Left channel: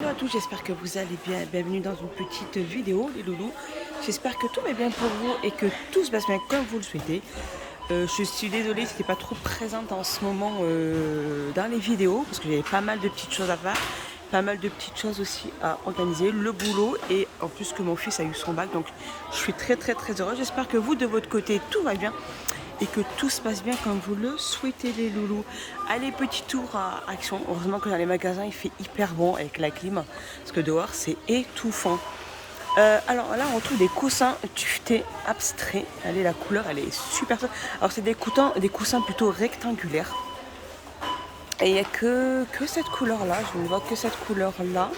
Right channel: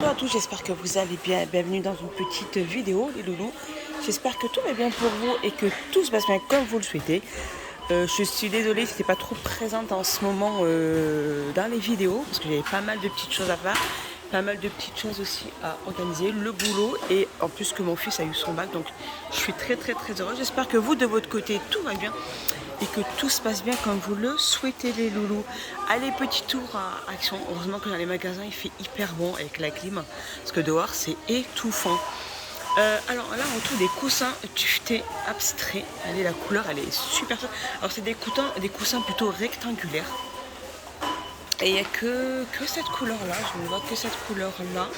Bonjour à tous, j'espère que vous allez bien. Bienvenue dans une petite vidéo, les loulous. J'espère que tout va bien pour vous et que tout se passe bien comme vous le souhaitez. Je suis désolée si je n'étais pas trop présente en ce moment dans les vidéos parce que j'avais pas mal de petites choses à faire, pas mal de petites choses aussi à organiser, le boulot et en plus que mon fils a eu son bac, donc je suis très heureuse. J'espère que vous de votre côté tout va bien et que tout se passe bien comme vous le souhaitez, les loulous. Allez, petit tour à Action. Heureusement que dans les magasins il fait hyper bon avec la clim parce que dehors c'est étouffant. Alors là on retrouve des coussins tuvetés abstraits. Allez, la couleur elle est super chouette. Alors c'est des coussins plutôt rectangulaires. Et il n'y a que cette couleur là, je ne vois que cette couleur là.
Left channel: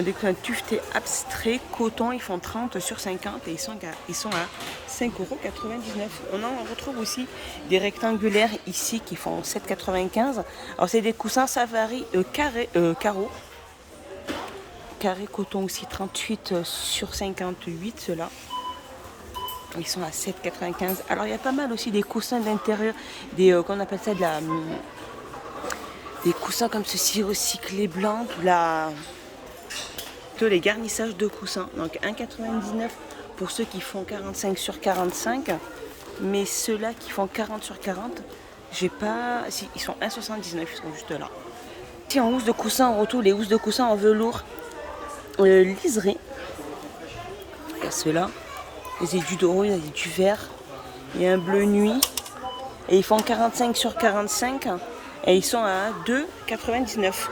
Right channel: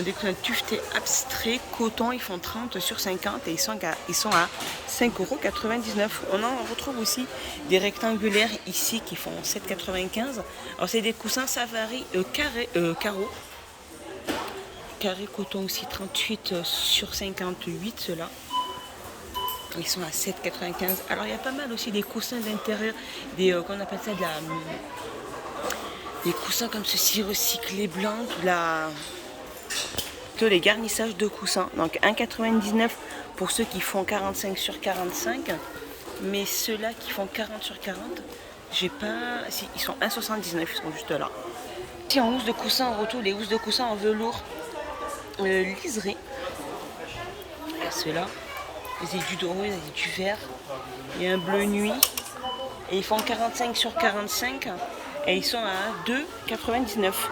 Des coussins tuvetés abstraits, coton, ils font 30 sur 50 et ils sont à 5,99 €. On en retrouve aussi des rectangulaires ici qui font 7,95 €. Alors c'est des coussins safari carreau. Carré coton aussi 38 sur 58 ceux-là. Ils sont à 7,95 €. Alors il y a pas mal aussi des coussins d'intérieur, qu'on appelle ça des coussins comme ceci recyclés blancs, les garnissages de coussins. Donc 1,99 € pour ceux qui font 45 sur 45. Mais ceux-là qui font 40 sur 40, j'ai pas. Si, ils sont 1,79 €, ils sont juste là. Si en housse de coussin, on retrouve les housses de coussin en velours liseré. Il y a ceux-là. Il y a du doré, il y a du vert. Il y a un bleu nuit. Et ils font 45 sur 45. Et ils sont à 2,99 €.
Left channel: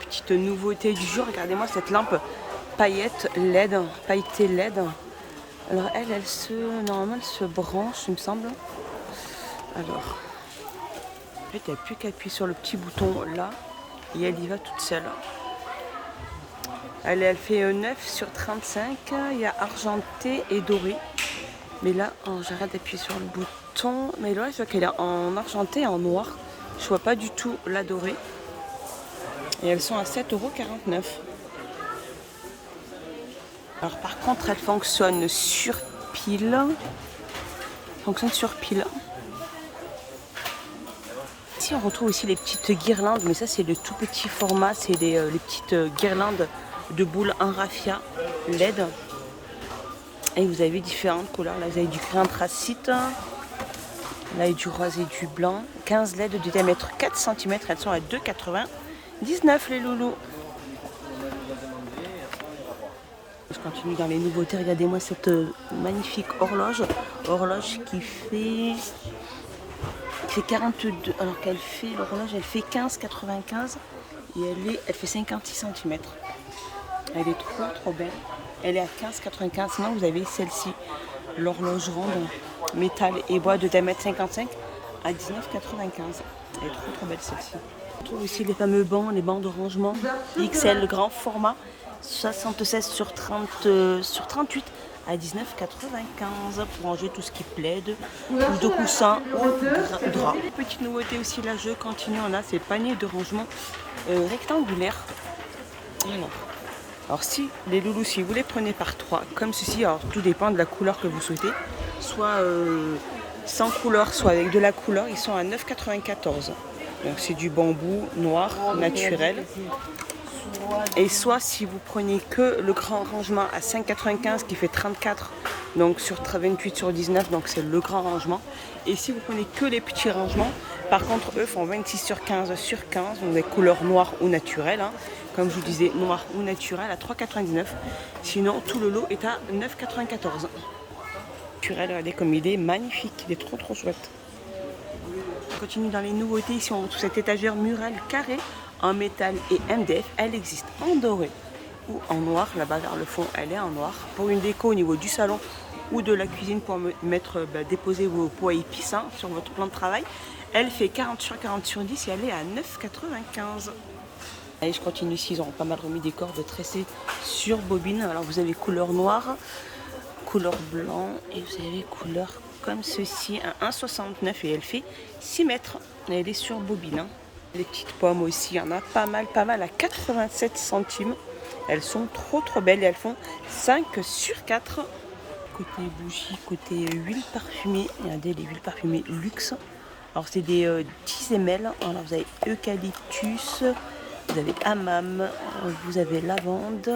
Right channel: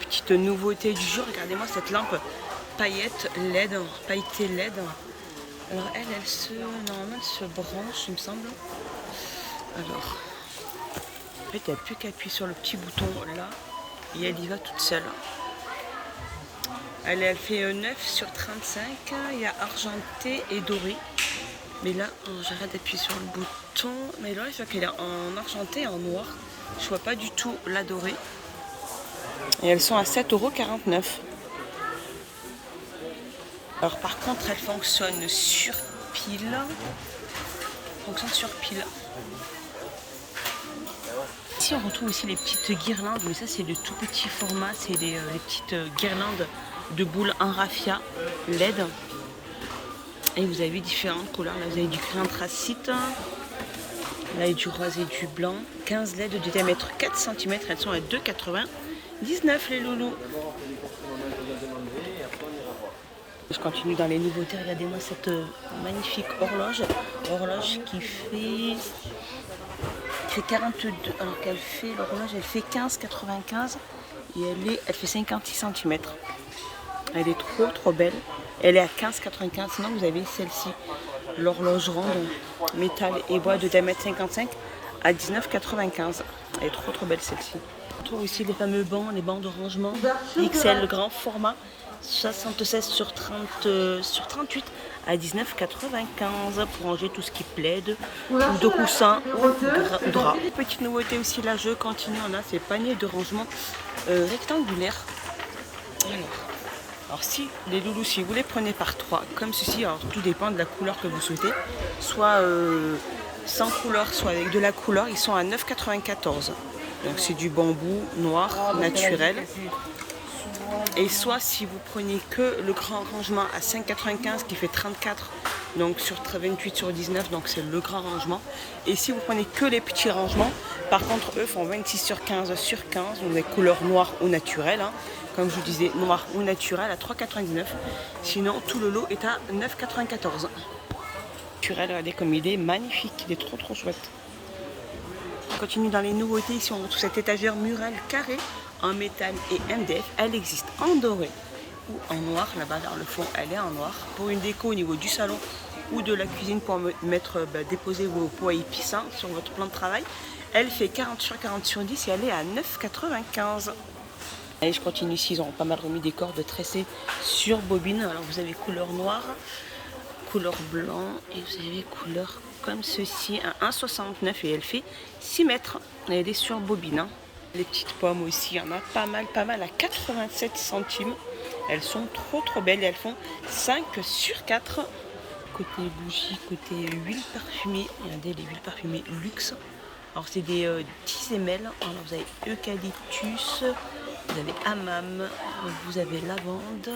Petite nouveauté du jour, regardez-moi cette lampe paillettée LED. Alors normalement elle se branche, il me semble. Alors, en fait, il n'y a plus qu'à appuyer sur le petit bouton là et elle y va toute seule. Elle fait 9 sur 35. Il y a argenté et doré. Mais là, j'arrête d'appuyer sur le bouton. Mais là, je vois qu'elle est en argenté et en noir. Je vois pas du tout la dorée. Et elles sont à 7,49 €. Alors par contre, elles fonctionnent sur pile. Ici, on retrouve aussi les petites guirlandes, mais ça, c'est le tout petit format. C'est les petites guirlandes de boules en raffia LED. Et vous avez différentes couleurs. Là, vous avez du gris anthracite. Là, il y a du rose et du blanc. 15 LED de diamètre 4 cm. Elles sont à 2,99 €, les loulous. Je continue dans les nouveautés. Regardez-moi cette magnifique horloge. Horloge qui fait 42. Alors qu'elle fait, l'horloge, elle fait 15,95 € et elle fait 56 cm. Elle est trop belle. Elle est à 15,95 €. Sinon, vous avez celle-ci, l'horloge ronde, métal et bois de diamètre 55 à 19,95 €. Elle est trop belle celle-ci. On trouve aussi les fameux bancs, les bancs de rangement XL, le grand format, 76 sur 38 à 19,95 € pour ranger tout ce qui plaide, ou de coussins ou drap. Petite nouveauté aussi, là je continue, on a ces paniers de rangement rectangulaires. Alors si les loulous, si vous les prenez par 3 comme ceci, alors tout dépend de la couleur que vous souhaitez, soit sans couleur, soit avec de la couleur, ils sont à 9,94 €. Donc c'est du bambou noir naturel. Et soit si vous prenez que le grand rangement à 5,95 € qui fait 34, donc sur 28 sur 19, donc c'est le grand rangement. Et si vous prenez que les petits rangements, par contre eux font 26 sur 15 sur 15, donc les couleurs noires ou naturelles. Comme je vous disais, noir ou naturel à 3,99 €. Sinon tout le lot est à 9,94 €. Naturel, regardez comme il est magnifique, il est trop chouette. On continue dans les nouveautés. Ici on retrouve cette étagère murale carrée en métal et MDF. Elle existe en doré ou en noir. Là-bas vers le fond, elle est en noir. Pour une déco au niveau du salon ou de la cuisine pour déposer vos pots à épices sur votre plan de travail. Elle fait 40 sur 40 sur 10 et elle est à 9,95 €. Allez, je continue ici. Ils ont pas mal remis des cordes tressées sur bobine. Alors vous avez couleur noire, couleur blanc et vous avez couleur comme ceci à 1,69 € et elle fait 6 mètres. Elle est sur bobine. Les petites pommes aussi, il y en a pas mal à 87 centimes. Elles sont trop belles et elles font 5 sur 4. Côté bougies, côté huile parfumée, regardez les huiles parfumées luxe. Alors c'est des 10 ml. Alors vous avez eucalyptus, Vous avez hammam, vous avez lavande,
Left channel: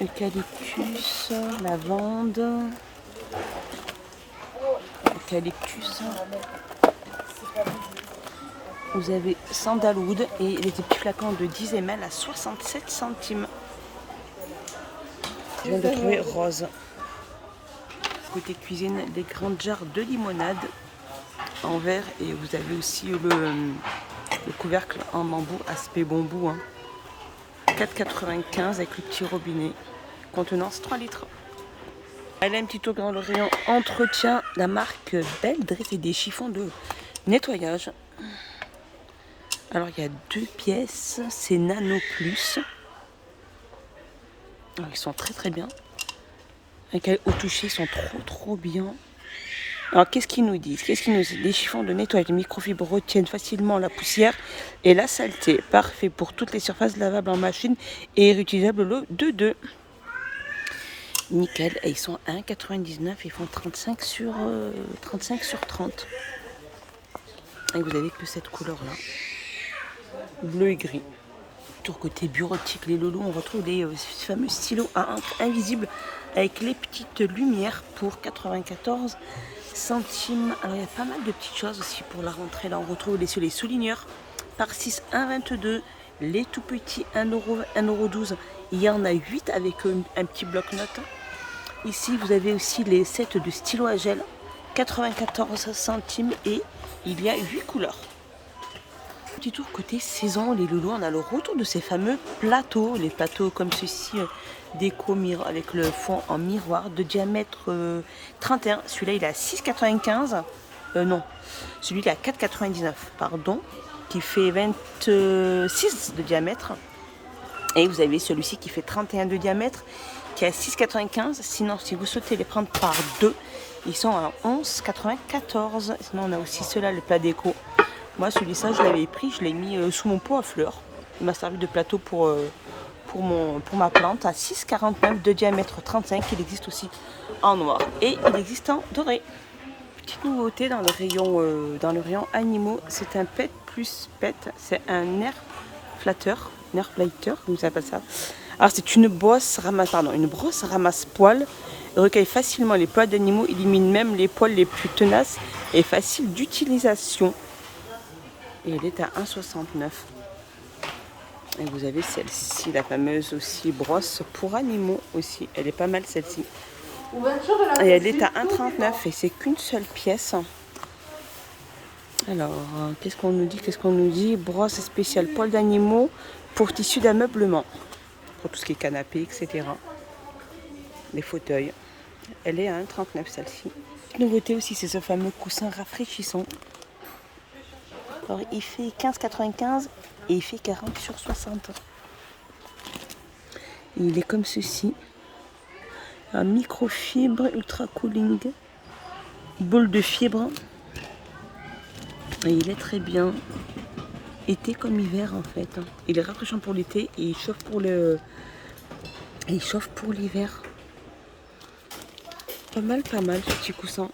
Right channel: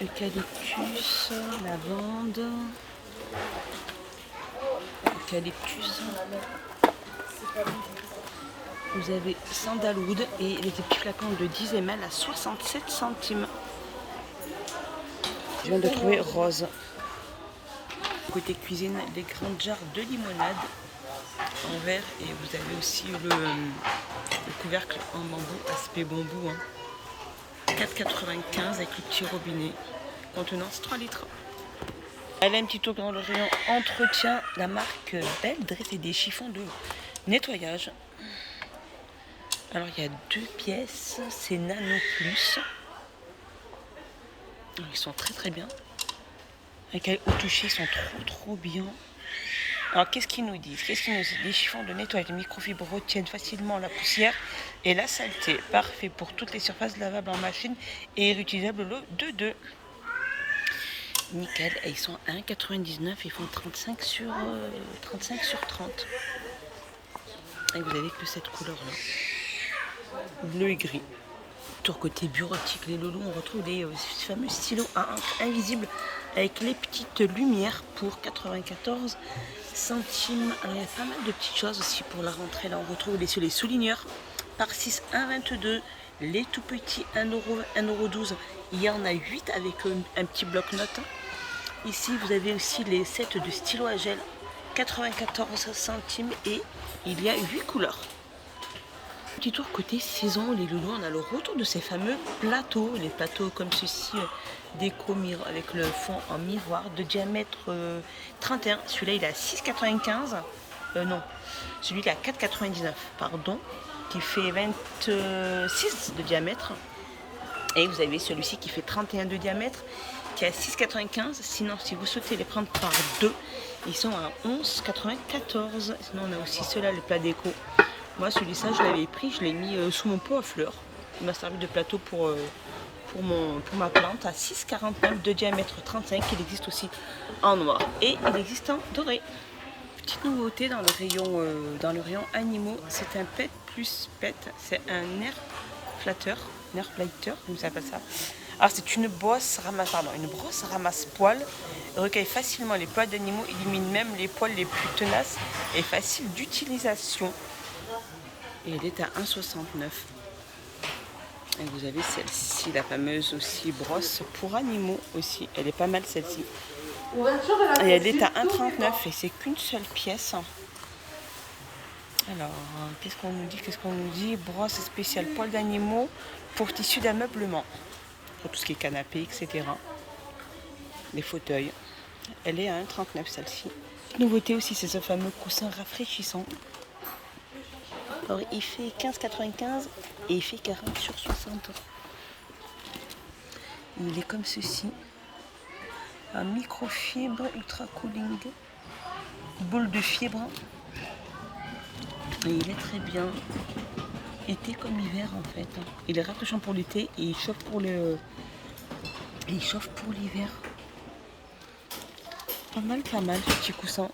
eucalyptus, lavande, eucalyptus. Vous avez sandalwood et les petits flacons de 10 ml à 67 centimes. Je viens de trouver rose. Côté cuisine, des grandes jarres de limonade en verre et vous avez aussi le couvercle en bambou, aspect bambou. Hein. 4,95 avec le petit robinet, contenance 3 litres. Allez, un petit tour dans le rayon entretien, la marque Belle Dress et des chiffons de nettoyage. Alors il y a 2 pièces, c'est Nano Plus. Alors, ils sont très bien. Au toucher, ils sont trop bien. Alors qu'est-ce qu'ils nous disent? Les chiffons de nettoyage de microfibres retiennent facilement la poussière et la saleté. Parfait pour toutes les surfaces lavables en machine et réutilisables le 2-2. Nickel. Et ils sont à 1,99. Ils font 35 sur 30. Et vous avez que cette couleur-là. Bleu et gris. Tour côté bureautique, les loulous, on retrouve les fameux stylos à encre invisibles avec les petites lumières pour 94 centimes. Alors il y a pas mal de petites choses aussi pour la rentrée. Là on retrouve les souligneurs par 6, 1,22. Les tout petits 1,12 €. Il y en a 8 avec un petit bloc-notes. Ici vous avez aussi les sets de stylos à gel, 94 centimes et il y a 8 couleurs. Petit tour côté saison, les loulous, on a le retour de ces fameux plateaux, les plateaux comme ceci, déco avec le fond en miroir de diamètre 31. Celui-là il est à 6,95. Non, celui là à 4,99, pardon, qui fait 26 de diamètre. Et vous avez celui-ci qui fait 31 de diamètre, qui est à 6,95. Sinon, si vous souhaitez les prendre par 2, ils sont à 11,94. Sinon, on a aussi ceux-là, les plats déco. Moi, celui-ci, je l'avais pris, je l'ai mis sous mon pot à fleurs. Il m'a servi de plateau pour ma plante à 6,49 de diamètre 35. Il existe aussi en noir et il existe en doré. Petite nouveauté dans le rayon animaux, c'est un pet plus pet. C'est un air flatteur, vous appelez ça. Alors c'est une brosse ramasse-poils. Recueille facilement les poils d'animaux, élimine même les poils les plus tenaces et facile d'utilisation. Et elle est à 1,69. Et vous avez celle-ci, la fameuse aussi brosse pour animaux aussi. Elle est pas mal celle-ci. Et elle est à 1,39 et c'est qu'une seule pièce. Alors, qu'est-ce qu'on nous dit? Brosse spéciale poils d'animaux pour tissu d'ameublement. Pour tout ce qui est canapé, etc. Les fauteuils. Elle est à 1,39 celle-ci. Nouveauté aussi, c'est ce fameux coussin rafraîchissant. Alors, il fait 15,95 et il fait 40 sur 60. Il est comme ceci. Un microfibre ultra cooling. Boule de fibre. Et il est très bien. Été comme hiver en fait. Il est rafraîchissant pour l'été et il chauffe pour l'hiver. Pas mal, petit coussin.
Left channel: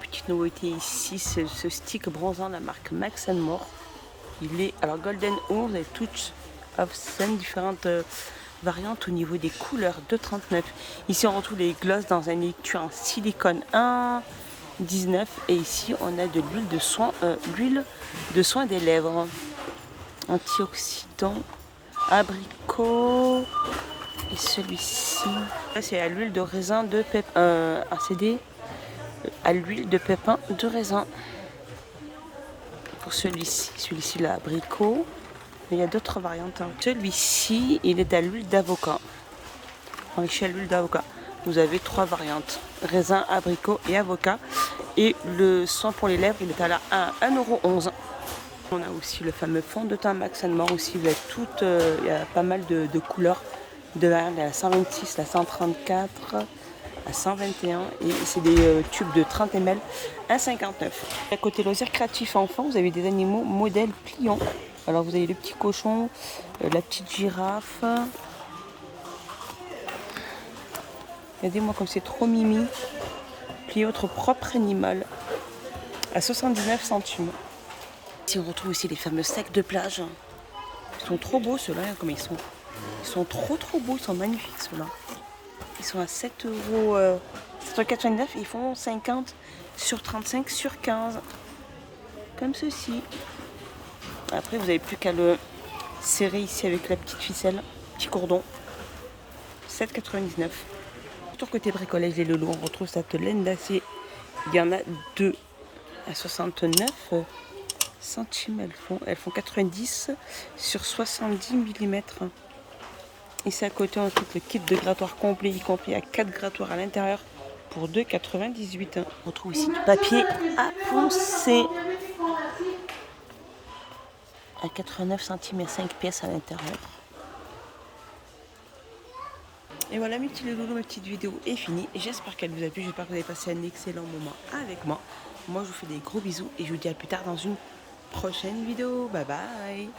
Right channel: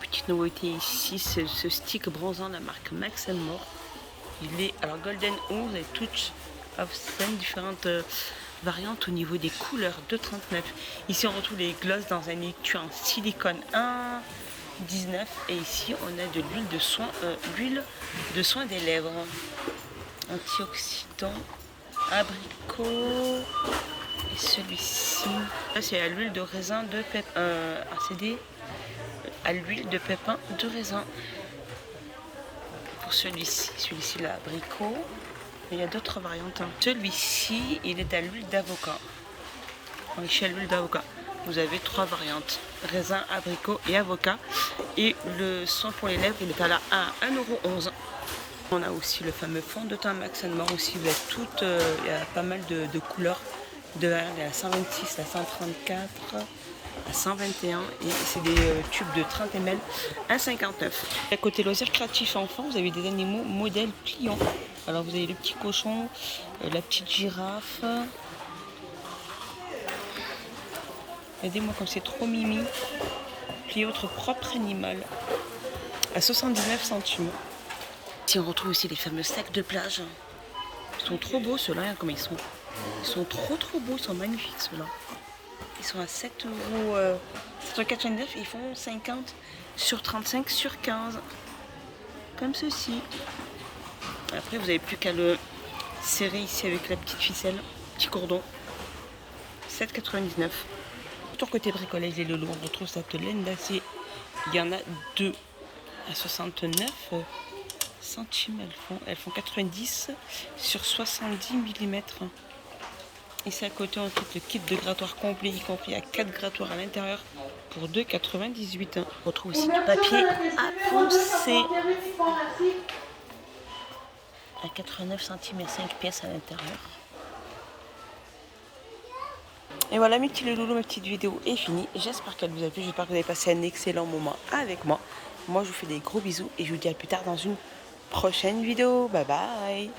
Petite nouveauté ici, ce stick bronzant de la marque Max & More. Il est alors Golden 11 et toutes différentes variantes au niveau des couleurs de 39. Ici on retrouve les glosses dans un étui en silicone 1,19 et ici on a de l'huile de soin des lèvres. Antioxydant, abricot et celui-ci. C'est à l'huile de raisin de pépin, à l'huile de pépin de raisin. Pour celui-ci l'abricot. Il y a d'autres variantes. Celui-ci, il est à l'huile d'avocat. Enrichi à l'huile d'avocat. Vous avez 3 variantes. Raisin, abricot et avocat. Et le soin pour les lèvres, il est à 1,11 €. On a aussi le fameux fond de teint Max & More aussi. Il y a pas mal de couleurs. De la 126, la 134, la 121 et c'est des tubes de 30 ml à 59. À côté loisirs créatifs enfants, vous avez des animaux modèles pliants. Alors vous avez le petit cochon, la petite girafe. Regardez-moi comme c'est trop mimi. Pliez votre propre animal à 79 centimes. On retrouve aussi les fameux sacs de plage. Ils sont trop beaux ceux-là, hein, comme ils sont. Ils sont trop beaux, ils sont magnifiques ceux-là. Ils sont à 7,99 €. Ils font 50 sur 35 sur 15. Comme ceci. Après, vous n'avez plus qu'à le serrer ici avec la petite ficelle, petit cordon. 7,99 €. Sur côté bricolage des loulous, on retrouve cette laine d'acier. Il y en a deux à 69 centimes. Elles font 90 sur 70 mm. Ici à côté, on trouve le kit de grattoir complet, y compris à 4 grattoirs à l'intérieur pour 2,98 €. On retrouve aussi du papier à poncer à 89 centimes et 5 pièces à l'intérieur. Et voilà mes petits loulous, ma petite vidéo est finie. J'espère qu'elle vous a plu, j'espère que vous avez passé un excellent moment avec moi. Moi je vous fais des gros bisous et je vous dis à plus tard dans une prochaine vidéo. Bye bye.